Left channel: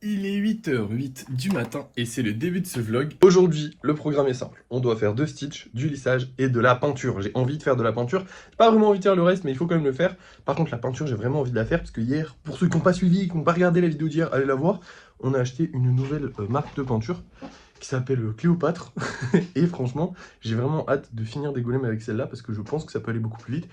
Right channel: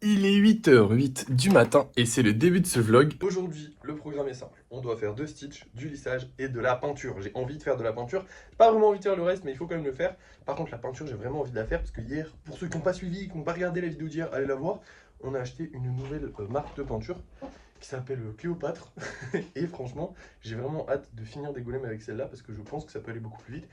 Il est 8h08 du matin et c'est le début de ce vlog. Aujourd'hui, le programme est simple. On doit faire 2 stitches, du lissage et de la peinture. J'ai envie de faire de la peinture. J'ai pas vraiment envie de faire le reste, mais il faut quand même le faire. Par contre, la peinture, j'ai vraiment envie de la faire parce que hier, pour ceux qui n'ont pas suivi, qui n'ont pas regardé la vidéo d'hier, allez la voir. On a acheté une nouvelle marque de peinture qui s'appelle Cléopâtre. Et franchement, j'ai vraiment hâte de finir des golems avec celle-là parce que je pense que ça peut aller beaucoup plus vite.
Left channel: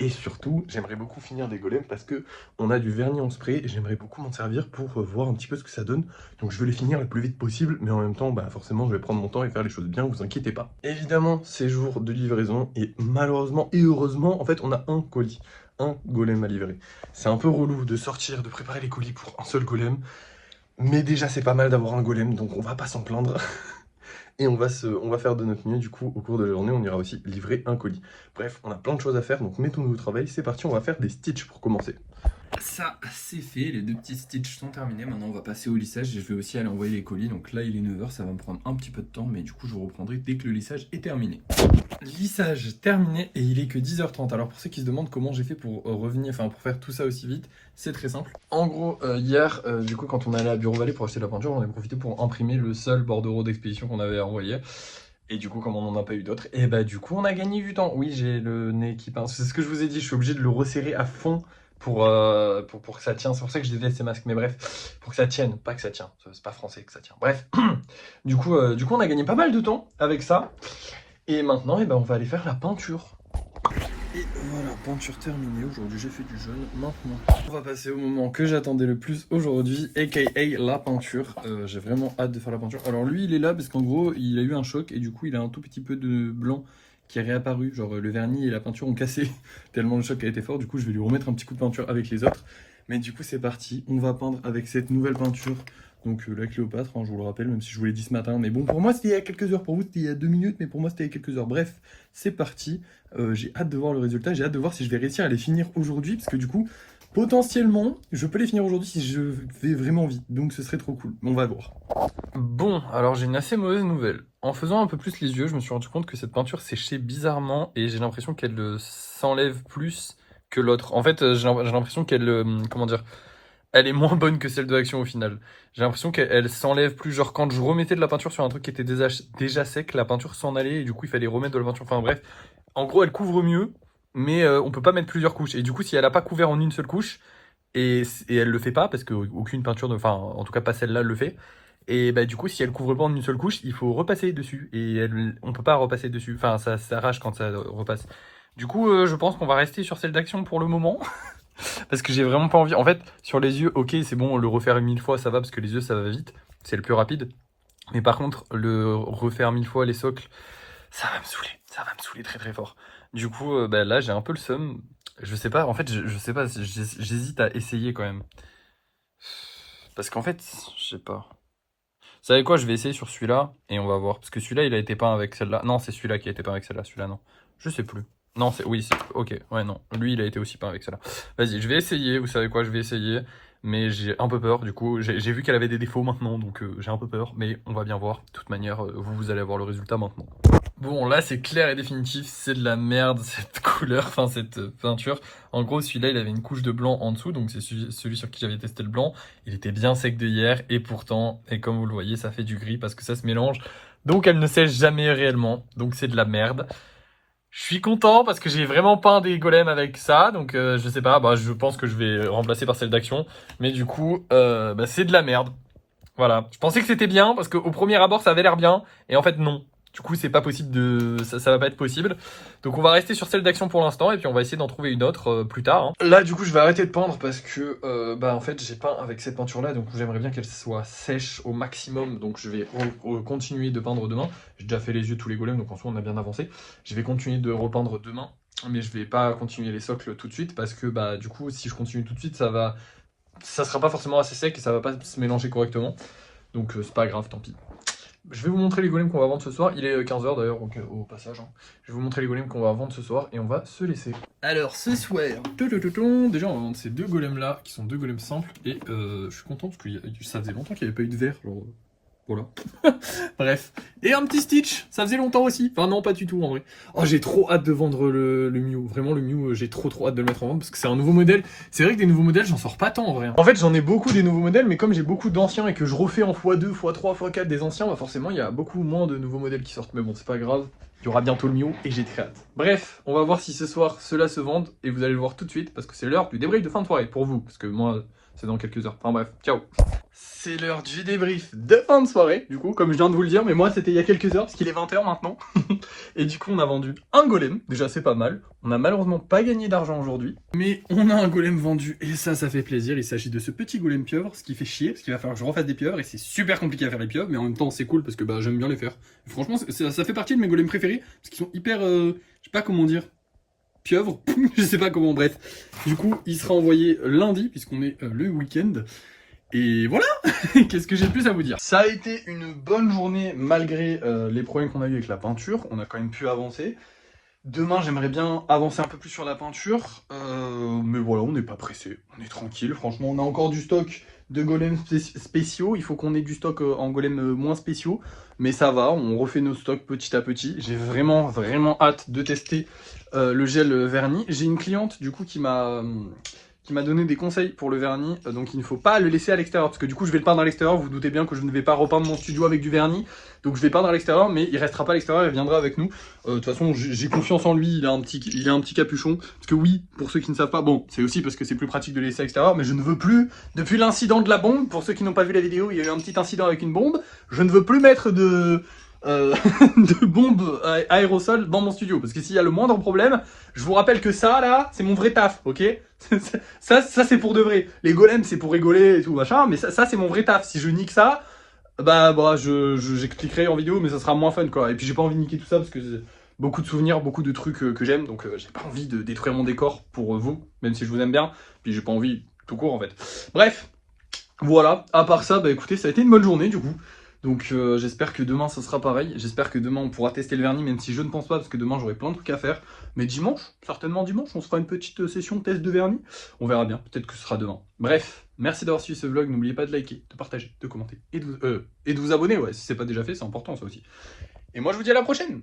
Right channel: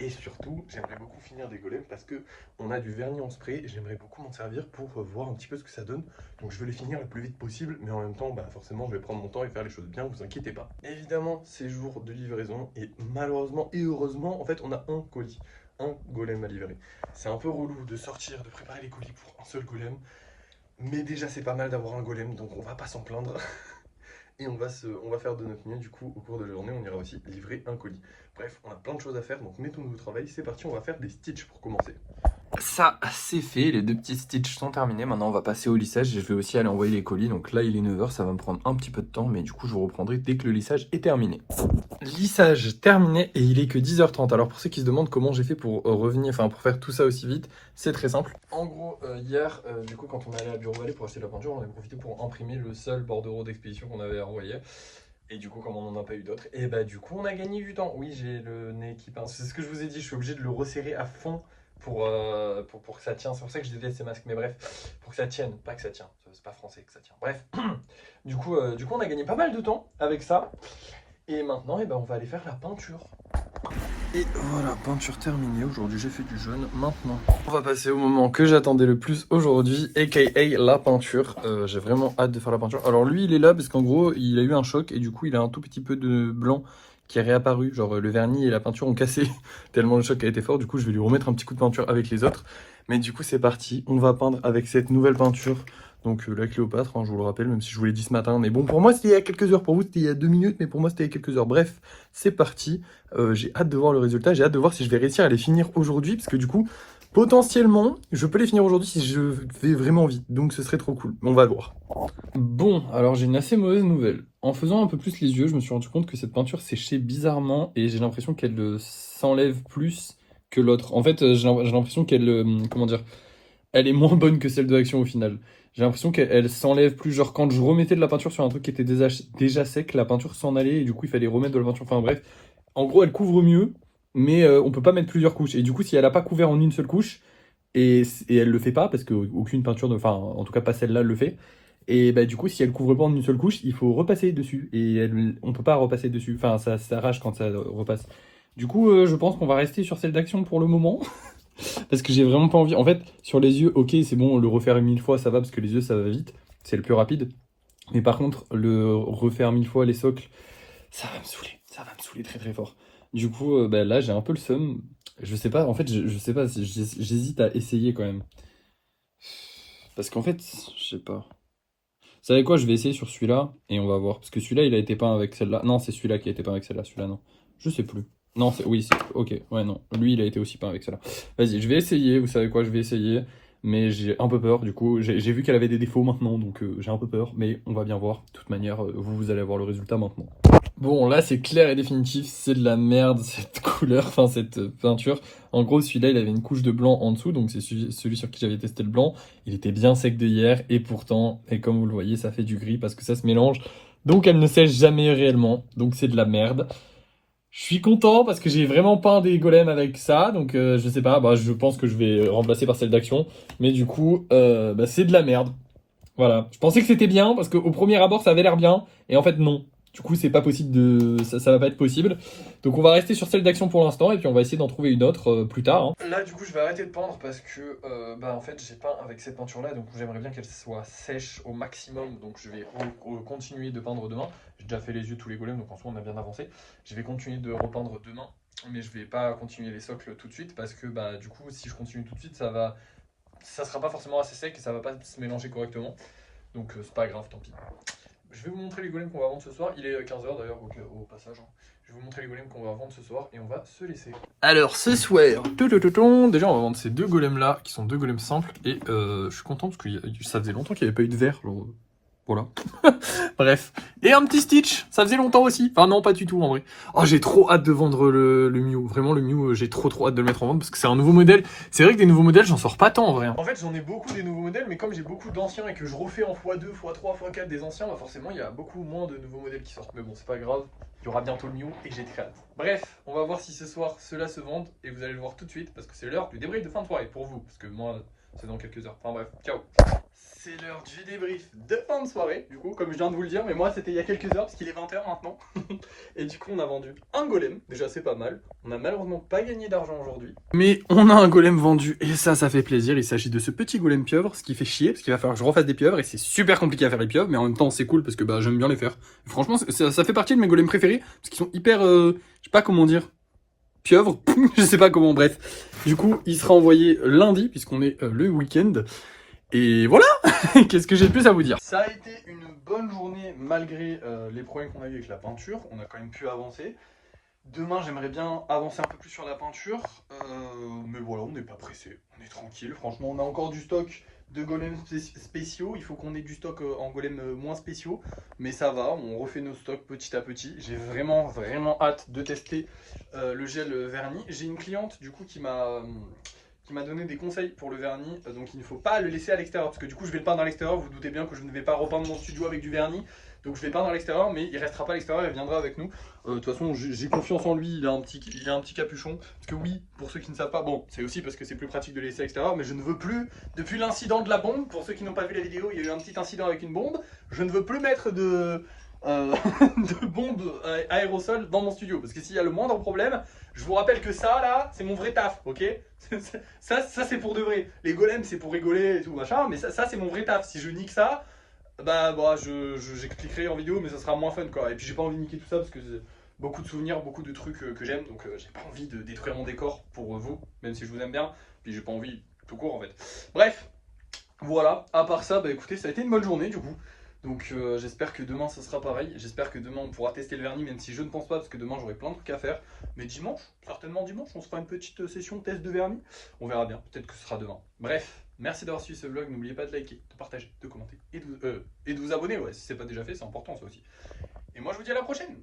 Et surtout, j'aimerais beaucoup finir des golems parce que on a du vernis en spray et j'aimerais beaucoup m'en servir pour voir un petit peu ce que ça donne. Donc je veux les finir le plus vite possible, mais en même temps, forcément, je vais prendre mon temps et faire les choses bien, vous inquiétez pas. Évidemment, c'est jour de livraison et malheureusement et heureusement, en fait, on a un colis, un golem à livrer. C'est un peu relou de sortir, de préparer les colis pour un seul golem, mais déjà c'est pas mal d'avoir un golem, donc on va pas s'en plaindre. Et on va faire de notre mieux, du coup, au cours de la journée, on ira aussi livrer un colis. Bref, on a plein de choses à faire, donc mettons-nous au travail. C'est parti, on va faire des stitches pour commencer. Ça, c'est fait, les 2 petits stitches sont terminés. Maintenant, on va passer au lissage et je vais aussi aller envoyer les colis. Donc là, il est 9h, ça va me prendre un petit peu de temps, mais du coup, je vous reprendrai dès que le lissage est terminé. Lissage terminé et il est que 10h30. Alors pour ceux qui se demandent comment j'ai fait pour revenir, enfin pour faire tout ça aussi vite, c'est très simple. En gros, hier, du coup, quand on est allé à Bureau Vallée pour acheter de la peinture, on a profité pour imprimer le seul bordereau d'expédition qu'on avait envoyé. Et du coup, comme on n'en a pas eu d'autres, et bah du coup, on a gagné du temps. Oui, j'ai le nez qui pince. C'est ce que je vous ai dit, je suis obligé de le resserrer à fond pour que ça tienne. C'est pour ça que je déteste ces masques, mais bref, pour que ça tienne, pas que ça tient. C'est pas français que ça tient. Bref, du coup, on a gagné pas mal de temps avec ça. Et maintenant, on va aller faire la peinture. Et voilà, peinture terminée. Aujourd'hui, j'ai fait du jaune. Maintenant, on va passer au moment que j'attendais le plus aujourd'hui, aka la peinture. J'ai vraiment hâte de faire la peinture. Alors lui, il est là parce qu'en gros, il a eu un choc et du coup, il a un tout petit peu de blanc qui est réapparu. Genre, le vernis et la peinture ont cassé tellement le choc a été fort. Du coup, je vais lui remettre un petit coup de peinture avec les autres. Mais du coup, c'est parti. On va peindre avec cette nouvelle peinture. Donc la Cléopâtre, hein, je vous le rappelle, même si je vous l'ai dit ce matin. Mais bon, pour moi, c'était il y a quelques heures. Pour vous, c'était il y a 2 minutes. Mais pour moi, c'était il y a quelques heures. Bref, c'est parti. J'ai hâte de voir le résultat. J'ai hâte de voir si je vais réussir à les finir aujourd'hui. Parce que du coup, potentiellement, je peux les finir aujourd'hui si je vais vraiment vite. Donc ce serait trop cool. On va voir. Bon, alors j'ai une assez mauvaise nouvelle. En faisant un peu plus les yeux, je me suis rendu compte que cette peinture séchait bizarrement. Et j'ai l'impression qu'elle s'enlève plus que l'autre. En fait, j'ai l'impression qu'elle... comment dire, elle est moins bonne que celle de Action au final. J'ai l'impression qu'elle s'enlève plus. Genre, quand je remettais de la peinture sur un truc qui était déjà sec, la peinture s'en allait et du coup, il fallait remettre de la peinture. Enfin, bref. En gros, elle couvre mieux, mais on peut pas mettre plusieurs couches. Et du coup, si elle a pas couvert en une seule couche, et elle le fait pas, parce qu'aucune peinture, enfin, en tout cas, pas celle-là, le fait. Et bah, du coup, si elle couvre pas en une seule couche, il faut repasser dessus. Et on peut pas repasser dessus. Enfin, ça s'arrache quand ça repasse. Du coup, je pense qu'on va rester sur celle d'Action pour le moment. Parce que j'ai vraiment pas envie. En fait, sur les yeux, ok, c'est bon, le refaire 1000 fois, ça va, parce que les yeux, ça va vite. C'est le plus rapide. Mais par contre, le refaire 1000 fois les socles, ça va me saouler. Ça va me saouler très très fort. Du coup, là, j'ai un peu le seum. Je sais pas, en fait, je sais pas, j'hésite à essayer quand même. Parce qu'en fait, je sais pas. Vous savez quoi, je vais essayer sur celui-là et on va voir. Parce que celui-là, il a été peint avec celle-là. Non, c'est celui-là qui a été peint avec celle-là. Celui-là, non. Je sais plus. Non, c'est. Oui, c'est. Ok, ouais, non. Lui, il a été aussi peint avec celle-là. Vas-y, je vais essayer. Vous savez quoi, je vais essayer. Mais j'ai un peu peur. Du coup, j'ai vu qu'elle avait des défauts maintenant. Donc, j'ai un peu peur. Mais on va bien voir. De toute manière, vous allez avoir le résultat maintenant. Bon, là, c'est clair et définitif. C'est de la merde, cette couleur. Enfin, cette peinture. En gros, celui-là, il avait une couche de blanc en dessous. Donc, c'est celui sur qui j'avais testé le blanc. Il était bien sec de hier et pourtant, et comme vous le voyez, ça fait du gris parce que ça se mélange. Donc elle ne sèche jamais réellement. Donc c'est de la merde. Je suis content parce que j'ai vraiment peint des golems avec ça. Donc je sais pas, je pense que je vais remplacer par celle d'Action. Mais du coup, c'est de la merde. Voilà. Je pensais que c'était bien parce qu'au premier abord ça avait l'air bien. Et en fait non. Du coup c'est pas possible ça va pas être possible. Donc on va rester sur celle d'Action pour l'instant. Et puis on va essayer d'en trouver une autre plus tard, hein. Là du coup je vais arrêter de peindre parce que en fait j'ai peint avec cette peinture là. Donc j'aimerais bien qu'elle soit sèche au maximum. Donc je vais continuer de peindre demain. J'ai déjà fait les yeux, tous les golems, donc en soi on a bien avancé. Je vais continuer de repeindre demain. Mais je vais pas continuer les socles tout de suite parce que du coup si je continue tout de suite ça sera pas forcément assez sec et ça va pas se mélanger correctement. Donc c'est pas grave, tant pis. Je vais vous montrer les golems qu'on va vendre ce soir. Il est 15h d'ailleurs, donc au passage, hein. Je vais vous montrer les golems qu'on va vendre ce soir et on va se laisser. Alors ce soir, déjà on va vendre ces 2 golems là, qui sont 2 golems simples. Et je suis content parce que ça faisait longtemps qu'il n'y avait pas eu de verre. Voilà. Bref. Et un petit Stitch, ça faisait longtemps aussi. Enfin non, pas du tout en vrai. Oh, j'ai trop hâte de vendre le Mew. Vraiment, le Mew, j'ai trop hâte de le mettre en vente parce que c'est un nouveau modèle. C'est vrai que des nouveaux modèles, j'en sors pas tant en vrai. En fait, j'en ai beaucoup des nouveaux modèles, mais comme j'ai beaucoup d'anciens et que je refais en x2, x3, x4 des anciens, bah forcément, il y a beaucoup moins de nouveaux modèles qui sortent. Mais bon, c'est pas grave. Il y aura bientôt le Mew et j'ai très hâte. Bref, on va voir si ce soir ceux-là se vendent et vous allez le voir tout de suite parce que c'est l'heure du débrief de fin de soirée pour vous. Parce que moi, c'est dans quelques heures. Enfin bref, ciao. C'est l'heure du débrief de fin de soirée, du coup, comme je viens de vous le dire, mais moi c'était il y a quelques heures, parce qu'il est 20h maintenant. Et du coup, on a vendu un golem, déjà c'est pas mal. On a malheureusement pas gagné d'argent aujourd'hui, mais on a un golem vendu, et ça fait plaisir. Il s'agit de ce petit golem pieuvre, ce qui fait chier, parce qu'il va falloir que je refasse des pieuvres, et c'est super compliqué à faire les pieuvres, mais en même temps c'est cool, parce que bah, j'aime bien les faire. Franchement, ça fait partie de mes golems préférés, parce qu'ils sont hyper, je sais pas comment dire, pieuvre, je sais pas comment, bref. Du coup, il sera envoyé lundi, puisqu'on est le week-end. Et voilà. Qu'est-ce que j'ai de plus à vous dire? Ça a été une bonne journée malgré les problèmes qu'on a eu avec la peinture. On a quand même pu avancer. Demain, j'aimerais bien avancer un peu plus sur la peinture. Mais voilà, on n'est pas pressé. On est tranquille. Franchement, on a encore du stock de golems spéciaux. Il faut qu'on ait du stock en golems moins spéciaux. Mais ça va, on refait nos stocks petit à petit. J'ai vraiment hâte de tester le gel vernis. J'ai une cliente du coup qui m'a donné des conseils pour le vernis, donc il ne faut pas le laisser à l'extérieur, parce que du coup je vais le peindre à l'extérieur, vous vous doutez bien que je ne vais pas repeindre mon studio avec du vernis, donc je vais peindre à l'extérieur, mais il restera pas à l'extérieur, il viendra avec nous. De toute façon, j'ai confiance en lui, il a un petit capuchon, parce que oui, pour ceux qui ne savent pas, bon, c'est aussi parce que c'est plus pratique de le laisser à l'extérieur, mais je ne veux plus, depuis l'incident de la bombe, pour ceux qui n'ont pas vu la vidéo, il y a eu un petit incident avec une bombe, je ne veux plus mettre de bombes aérosols dans mon studio, parce que s'il y a le moindre problème, je vous rappelle que ça là, c'est mon vrai taf, ok? ça c'est pour de vrai. Les golems c'est pour rigoler et tout machin, mais ça c'est mon vrai taf. Si je nique ça, bah j'expliquerai en vidéo, mais ça sera moins fun quoi. Et puis j'ai pas envie de niquer tout ça parce que c'est beaucoup de souvenirs, beaucoup de trucs que j'aime, donc j'ai pas envie de détruire mon décor pour vous, même si je vous aime bien. Puis j'ai pas envie tout court en fait. Bref, voilà. À part ça, bah écoutez, ça a été une bonne journée du coup. Donc j'espère que demain ça sera pareil, j'espère que demain on pourra tester le vernis, même si je ne pense pas, parce que demain j'aurai plein de trucs à faire. Mais dimanche, certainement dimanche, on se fera une petite session test de vernis. On verra bien, peut-être que ce sera demain. Bref, merci d'avoir suivi ce vlog, n'oubliez pas de liker, de partager, de commenter et de vous abonner, ouais, si c'est pas déjà fait, c'est important ça aussi. Et moi je vous dis à la prochaine.